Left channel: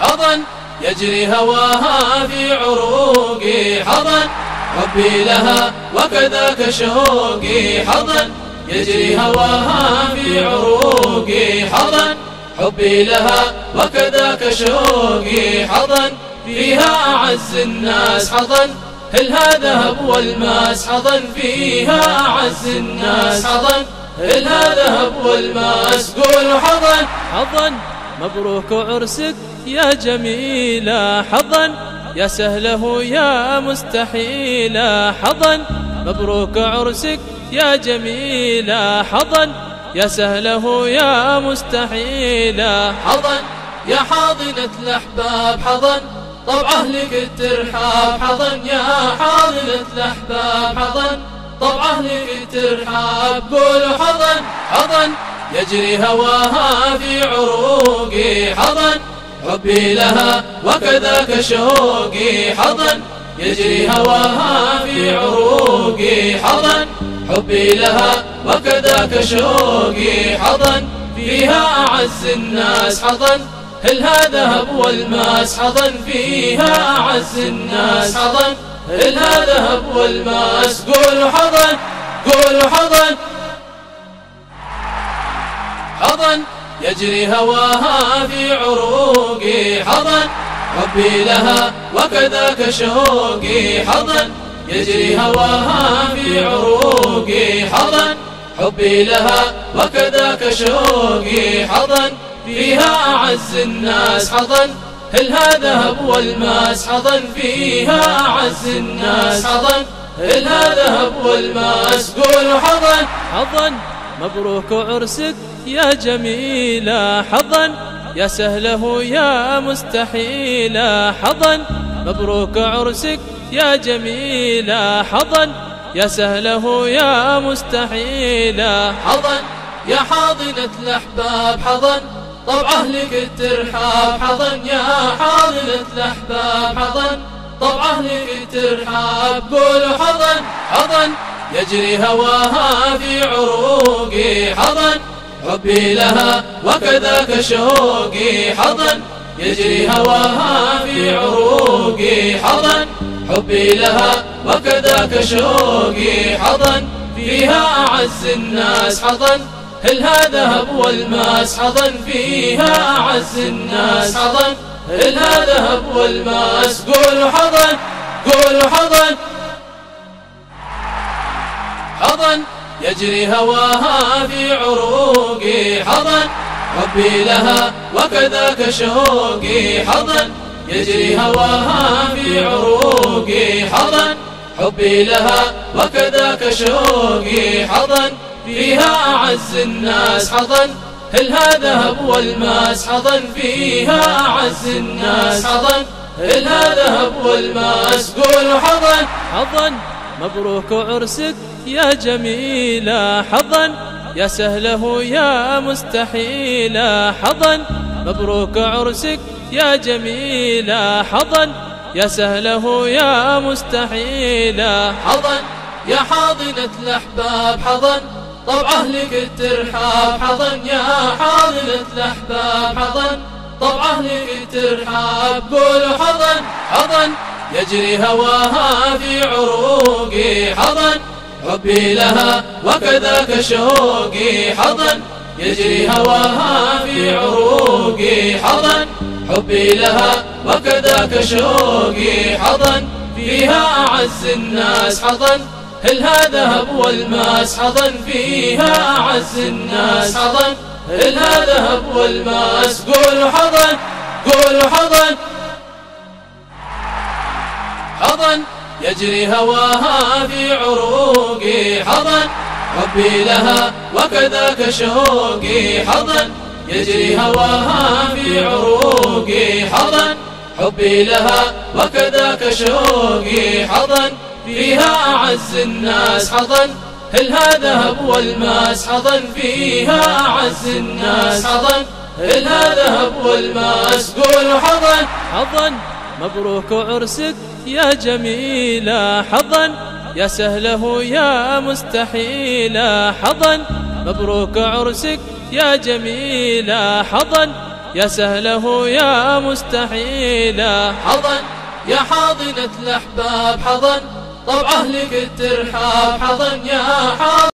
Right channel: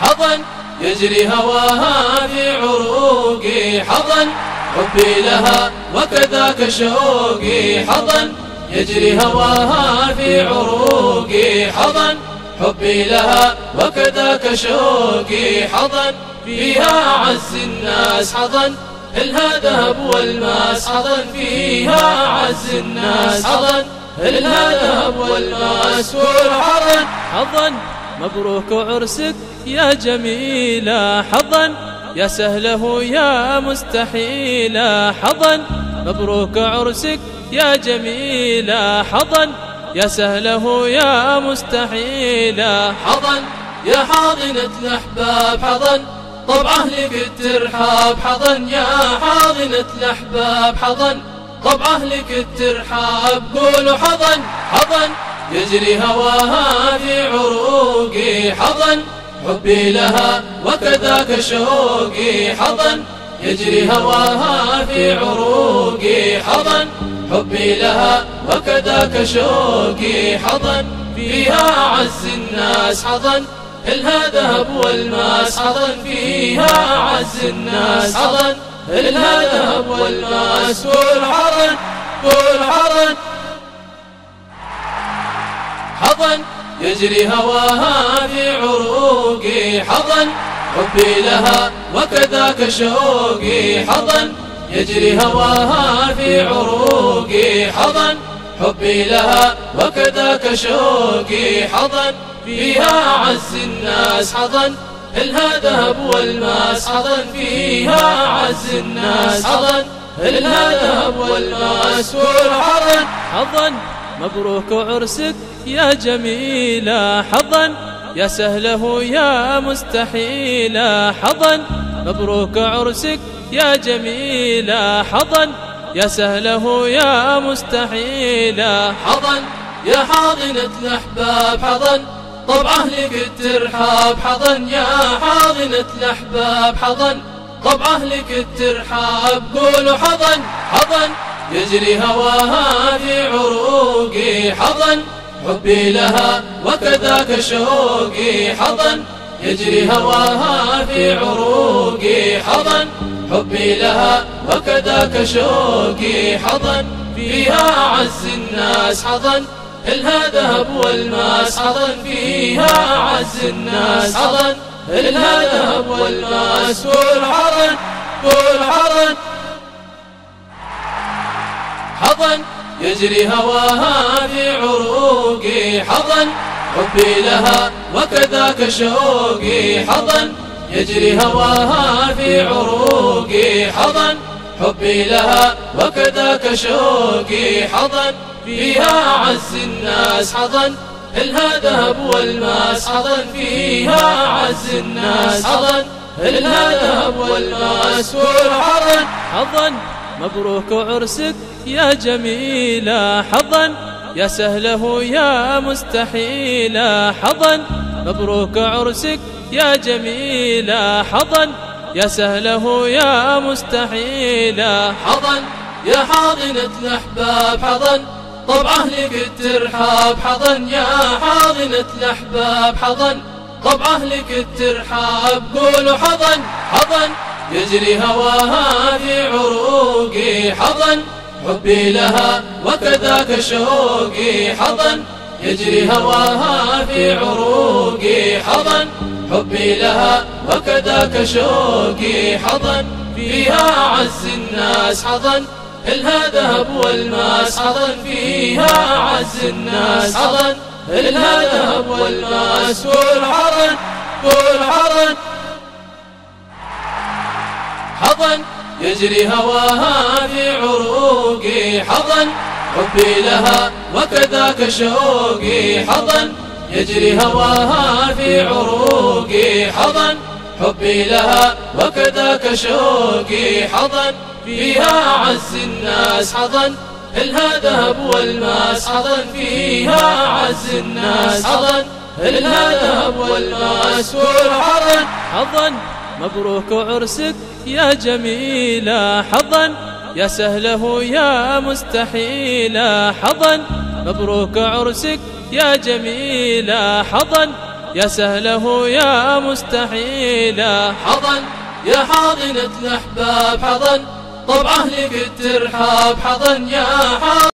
حظا يجري هواها في عروقي، حظا حبي لها وكذاك شوقي، حظا يجري هواها في عروقي، حظا حبي لها وكذاك شوقي، حظا فيها أعز الناس، حظا هلها ذهب والماس، حظا فيها أعز الناس، حظا هلها ذهب والماس. قول حظا حظا مبروك عرسك يا جميلة، حظا يا سهله يا مستحيلة، حظا مبروك عرسك يا جميلة، حظا يا سهله يا مستحيلة. حظا يا حاضنة الأحباب، حظا طبع أهلك الترحاب، حظا يا حاضنة الأحباب، حظا طبع أهلك الترحاب. قولوا حظا حظا يجري هواها في عروقي، حظا حبي لها وكذاك شوقي، حظا يجري هواها في عروقي، حظا حبي لها وكذاك شوقي، حظا فيها أعز الناس، حظا هلها ذهب والماس، حظا فيها أعز الناس، حظا هلها ذهب والماس. قول حظا قول حظا حظا يجري هواها في عروقي، حظا حبي لها وكذاك شوقي، حظا يجري هواها في عروقي، حظا حبي لها وكذاك شوقي، حظا فيها أعز الناس، حظا هلها ذهب والماس، حظا فيها أعز الناس، حظا هلها ذهب والماس. قول حظا حظا مبروك عرسك يا جميلة، حظا يا سهله يا مستحيلة، حظا مبروك عرسك يا جميلة، حظا يا سهله يا مستحيلة. حظا يا حاضنة الأحباب، حظا طبع أهلك الترحاب، حظا يا حاضنة الأحباب، حظا طبع أهلك الترحاب. قولوا حظا حظا يجري هواها في عروقي، حظا حبي لها وكذاك شوقي، حظا يجري هواها في عروقي، حظا حبي لها وكذاك شوقي، حظا فيها أعز الناس، حظا هلها ذهب والماس، حظا فيها أعز الناس، حظا هلها ذهب والماس. قول حظا قول حظا حظا يجري هواها في عروقي، حظا حبي لها وكذاك شوقي، حظا يجري هواها في عروقي، حظا حبي لها وكذاك شوقي، حظا فيها أعز الناس، حظا هلها ذهب والماس، حظا فيها أعز الناس، حظا هلها ذهب والماس. قول حظا حظا مبروك عرسك يا جميلة، حظا يا سهله يا مستحيلة، حظا مبروك عرسك يا جميلة، حظا يا سهله يا مستحيلة. حظا يا حاضنة الأحباب، حظا طبع أهلك الترحاب، حظا يا حاضنة الأحباب، حظا طبع أهلك الترحاب. قولوا حظا حظا يجري هواها في عروقي، حظا حبي لها وكذاك شوقي، حظا يجري هواها في عروقي، حظا حبي لها وكذاك شوقي، حظا فيها أعز الناس، حظا هلها ذهب والماس، حظا فيها أعز الناس، حظا هلها ذهب والماس. قول حظا قول حظا حظا يجري هواها في عروقي، حظا حبي لها وكذاك شوقي، حظا يجري هواها في عروقي، حظا حبي لها وكذاك شوقي، حظا فيها أعز الناس، حظا هلها ذهب والماس، حظا فيها أعز الناس، حظا هلها ذهب والماس. قول حظا حظا مبروك عرسك يا جميلة، حظا يا سهله يا مستحيلة، حظا مبروك عرسك يا جميلة، حظا يا سهله يا مستحيلا. حضن يا حاضنة الأحباب، حضن طبع أهلك الترحاب، حضن يا حاضن